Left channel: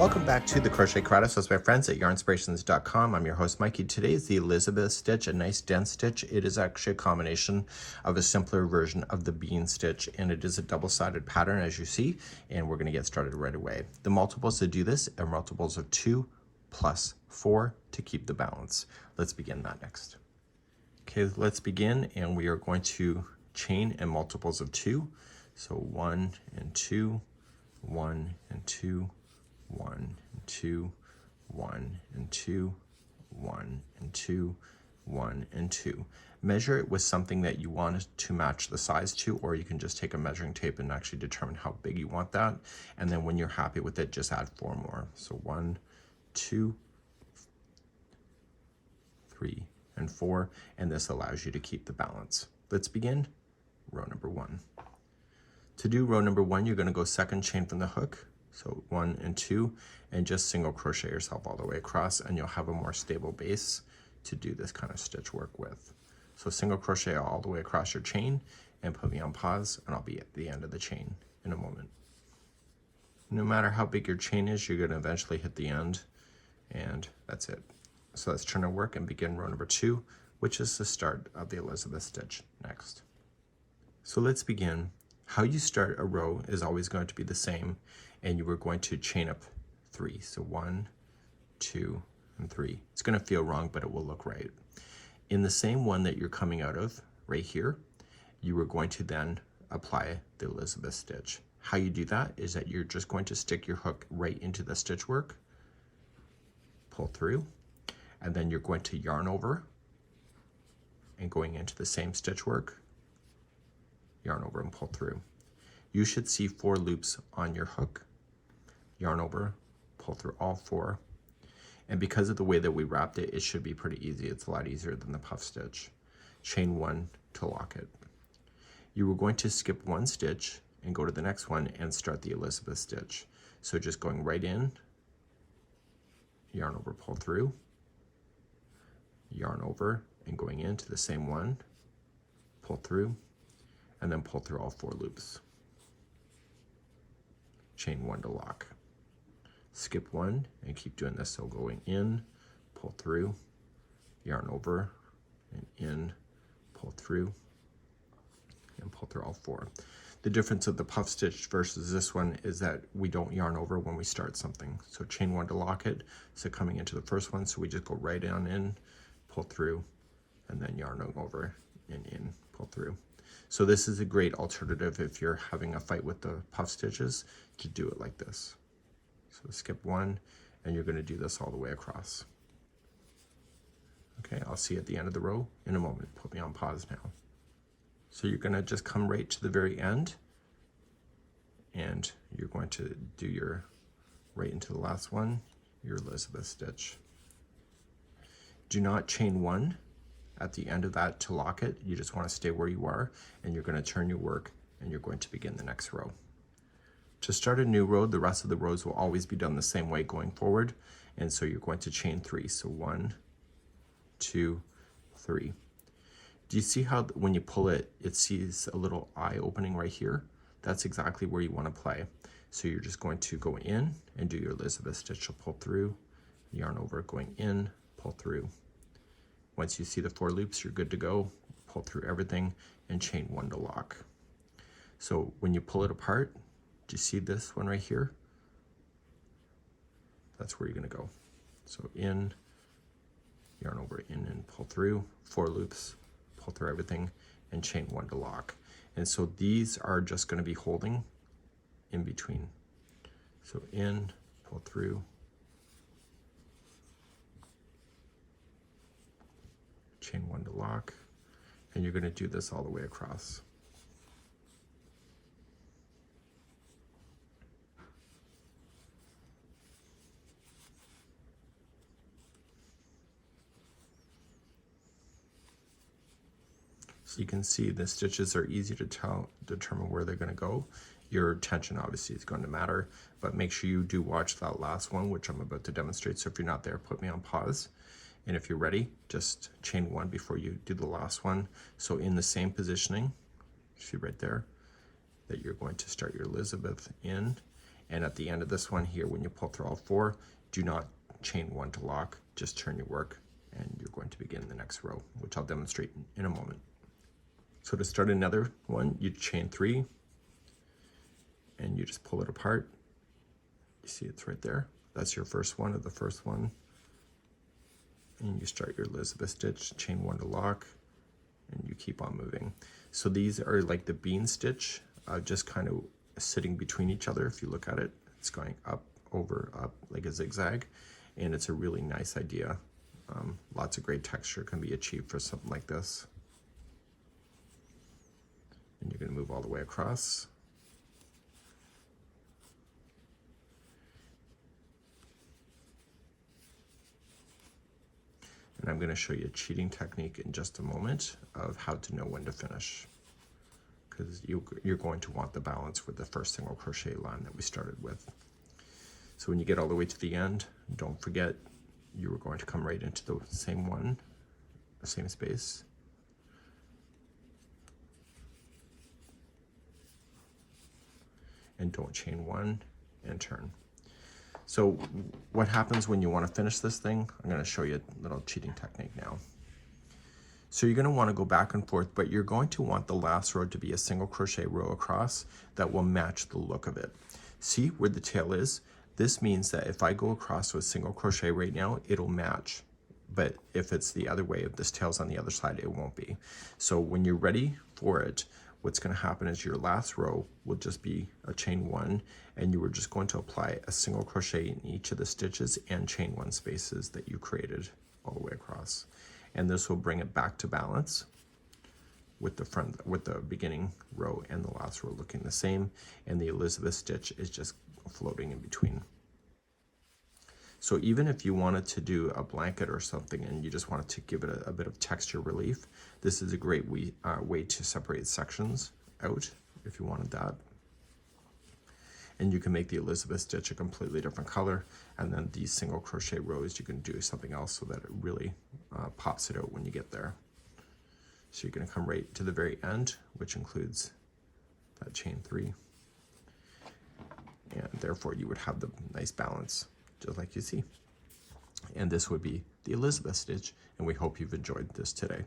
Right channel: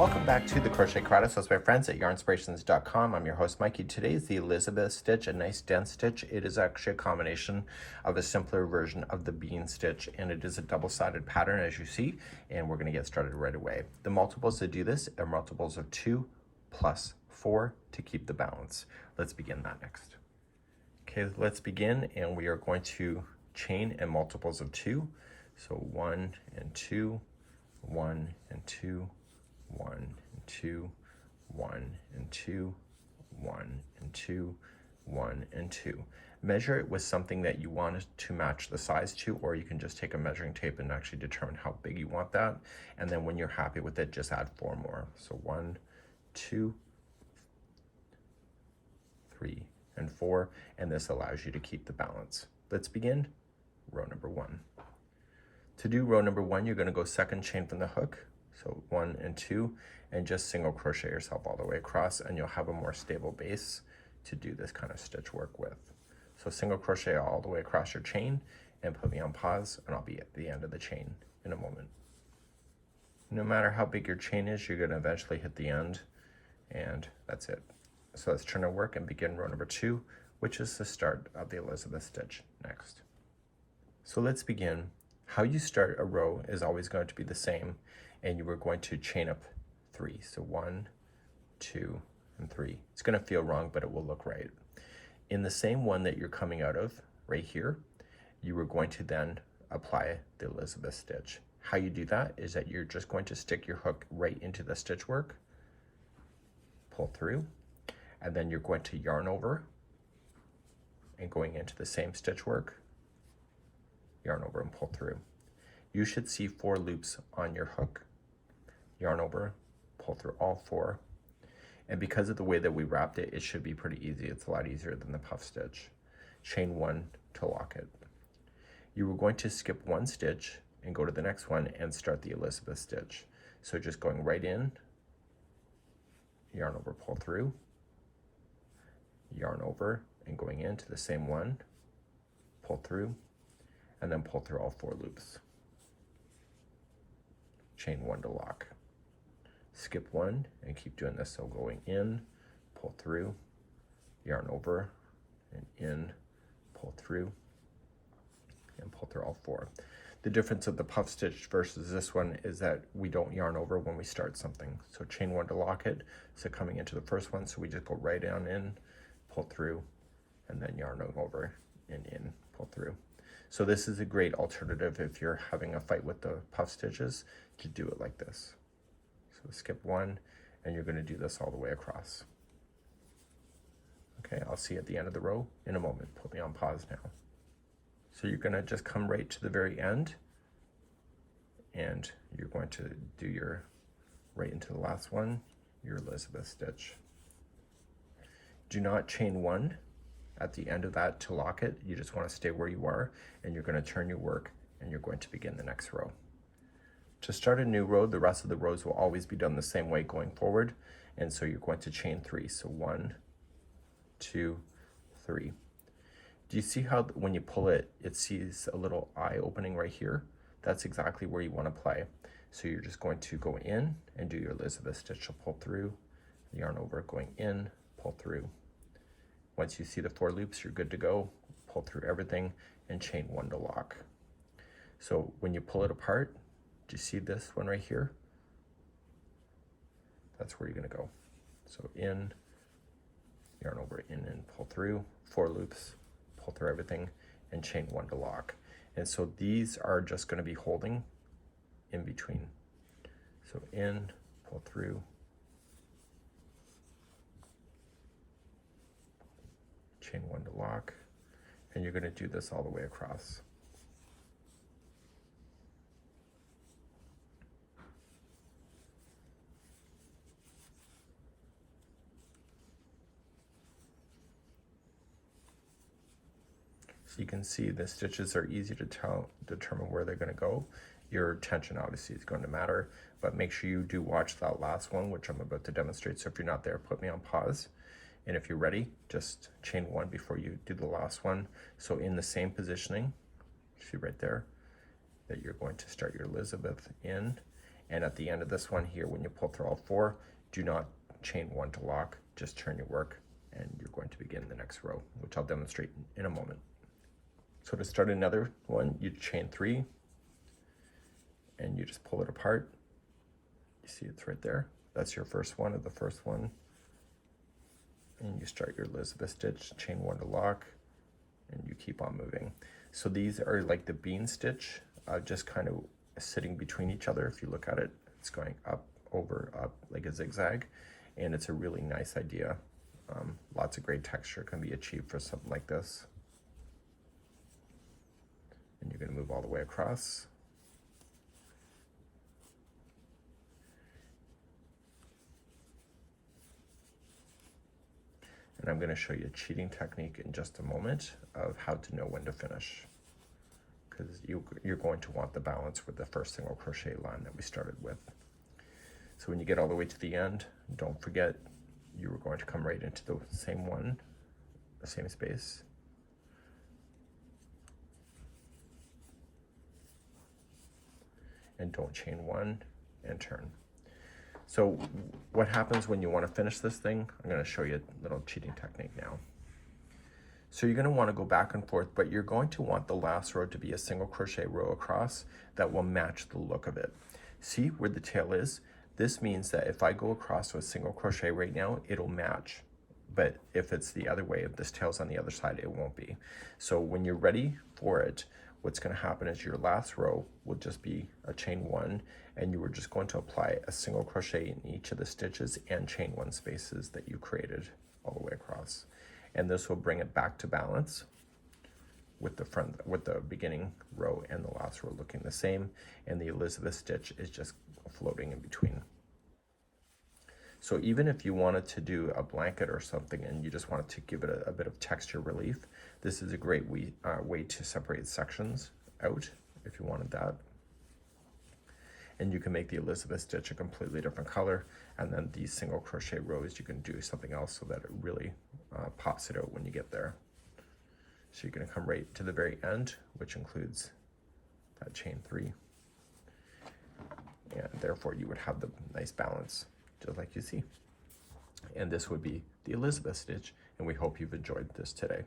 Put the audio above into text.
Welcome back to the Crochet Creatives with my friends at yarnspirations.com. I'm your host Mikey. Today is the Elizabeth stitch, a nice dense stitch. It is actually a combination of a simpler version of the bean stitch, and it is a double-sided pattern as you see, and we're going to get started right away. The multiples to do this are multiples of 2 plus 4 to keep the balance. Let's begin that next. Okay, let's begin, and we are going to chain in multiples of 2. So 1 and 2, 1 and 2, 1 and 2, 1 and 2, 1 and 2, 1 and 2. Measure it with something that you want to match the size to, or you can just take a measuring tape and actually determine how big you want that. And then when you're happy with it, just add 4 more. So 1, 2, 3, and 4, and this allows you to keep the balance. Let's begin row number 1. To do row number 1, you're going to go second chain from the hook. So 1 and 2, and just single crochet yourself all the way across, and you'll have a more stable base to do this kind of stitch work with. So single crochet all the way across your chain and put me on pause, and I'll be at the end of the chain in a moment. No matter how big your chain is, you're going to eventually hit the end, and that's it. So let's turn our work and begin row number 2, which is the start of the Elizabeth stitch next. So let's begin. How you start a row is always going to be the same, and you are going to chain up 3. So 1, 2, and 3. It's going to feel wrong, but it will look right. In the same one that you're coming out of, right here, you are going to then apply the Elizabeth stitch. How you do that is that you're just going to stick your hook right into the stitch work, pull through, and then you're going to yarn over, and going into the same stitch work, yarn over and pull through. You should see 4 loops on your hook. Yarn over, pull through all 4. And because of the way that we wrapped it, it should be pretty easy. It's a lot easier than the puff stitch. Chain 1 to lock it. You were going to skip 1 stitch and go to the next one and start the Elizabeth stitch. So just going right in, yarn over, pull through, yarn over, and going into the same one, pull through, and then pull through all 4 loops. Chain 1 to lock. Skip 1 and keep doing this. So going in, pull through, yarn over, and in, pull through, and pull through all 4. The difference of the puff stitch versus this one is that we don't yarn over when we start something. So chain 1 to lock it. So coming into the first one, so we just go right down in, pull through, and then yarn over and in, pull through. So this is a great alternative if you're having a fight with the puff stitches, to do it like this. So skip 1, and you're going to do this all the way across. Okay, I'll see you at the end of the row in a moment. Put me on pause now. So you're going to just come right to the very end, and you're going to do your, right into the last one, your Elizabeth stitch. Do not chain 1 at the end of that to lock it. You just want to stay where you are, and you're going to turn your work, and you're going to begin the next row. To start a new row, the rest of the rows will always be done the same way going forward, and so you're going to chain 3. So 1, 2, 3. Do you see how when you pull it, it sees a little eye opening right here? That's exactly where you want to play. So you're just going to go in and do your Elizabeth stitch. You'll pull through, yarn over, going in, pull through. Once you see the 4 loops, you're good to go. Pull through everything and chain 1 to lock. So when you pull it apart, do you see this one right here? That's where you're going to go. So in, yarn over, in, and pull through, 4 loops, pull through everything, and chain 1 to lock. And so these are just going to be holding in between. So in, pull through, chain 1 to lock, and you're going to do this all the way across. So you can see the stitches are easy to determine where they're going to go. Your tension obviously is going to matter, but make sure you do watch that last one, which I'm about to demonstrate. So if you're not there, put me on pause. And if you're ready, just chain 1 before you do the last one. So in the same positioning, see right there, that you're going to start your Elizabeth in, And at the end of this one here, when you pull through all 4, do not chain 1 to lock, just turn your work, and you're going to begin the next row, which I'll demonstrate in a moment. So to start another one, you chain 3, and you just pull it apart. You see it's right there. That's your first one of the first one. And you start your Elizabeth stitch, chain 1 to lock, and you keep on moving. So these are like the bean stitch, just kind of sitting between each other. If you look at it, it's going up, over, up, like a zigzag, and it's a really nice idea. Lots of great texture can be achieved for something like this. And you're going to move all the way across. And I'm going to show you a cheating technique in just a moment of how to know when to finish, because you're going to want the balance with the first single crochet line that we started with. So when you get all the way to the end, don't forget you are going to come right into the same one, the same space. And don't chain 1 and turn. So what happens when you want to finish this thing? I'm going to show you a little cheating technique now. So you're going to want to go back and forth, but you're going to want the last row to be a single crochet row across that will match the look of it. See where the tail is? This means that if I go across with single crochet right now, it'll match. But if it's the other way, if this tail's on the other side, it won't be. So when you're ready for it, what's going to happen is your last row will just be a chain 1, and you are just going to apply a single crochet in each of the stitches and chain 1 spaces that you created all the way across. And this will bring it back to balance with the beginning row and the last row looking the same, and the Elizabeth stitch is just floating in between. So even if you wanted to do a blanket or something and you just wanted to give it a bit of texture relief, this is a great way to separate sections out if you wanted that. And you can make the Elizabeth stitch a completely different color, and then these single crochet rows you can do something else so that it really pops it out when you get there. So you're going to come right to the very end, which includes that chain 3, and therefore you would have the nice balance just like you see. And this would be the Elizabeth stitch, and we hope you've enjoyed this today.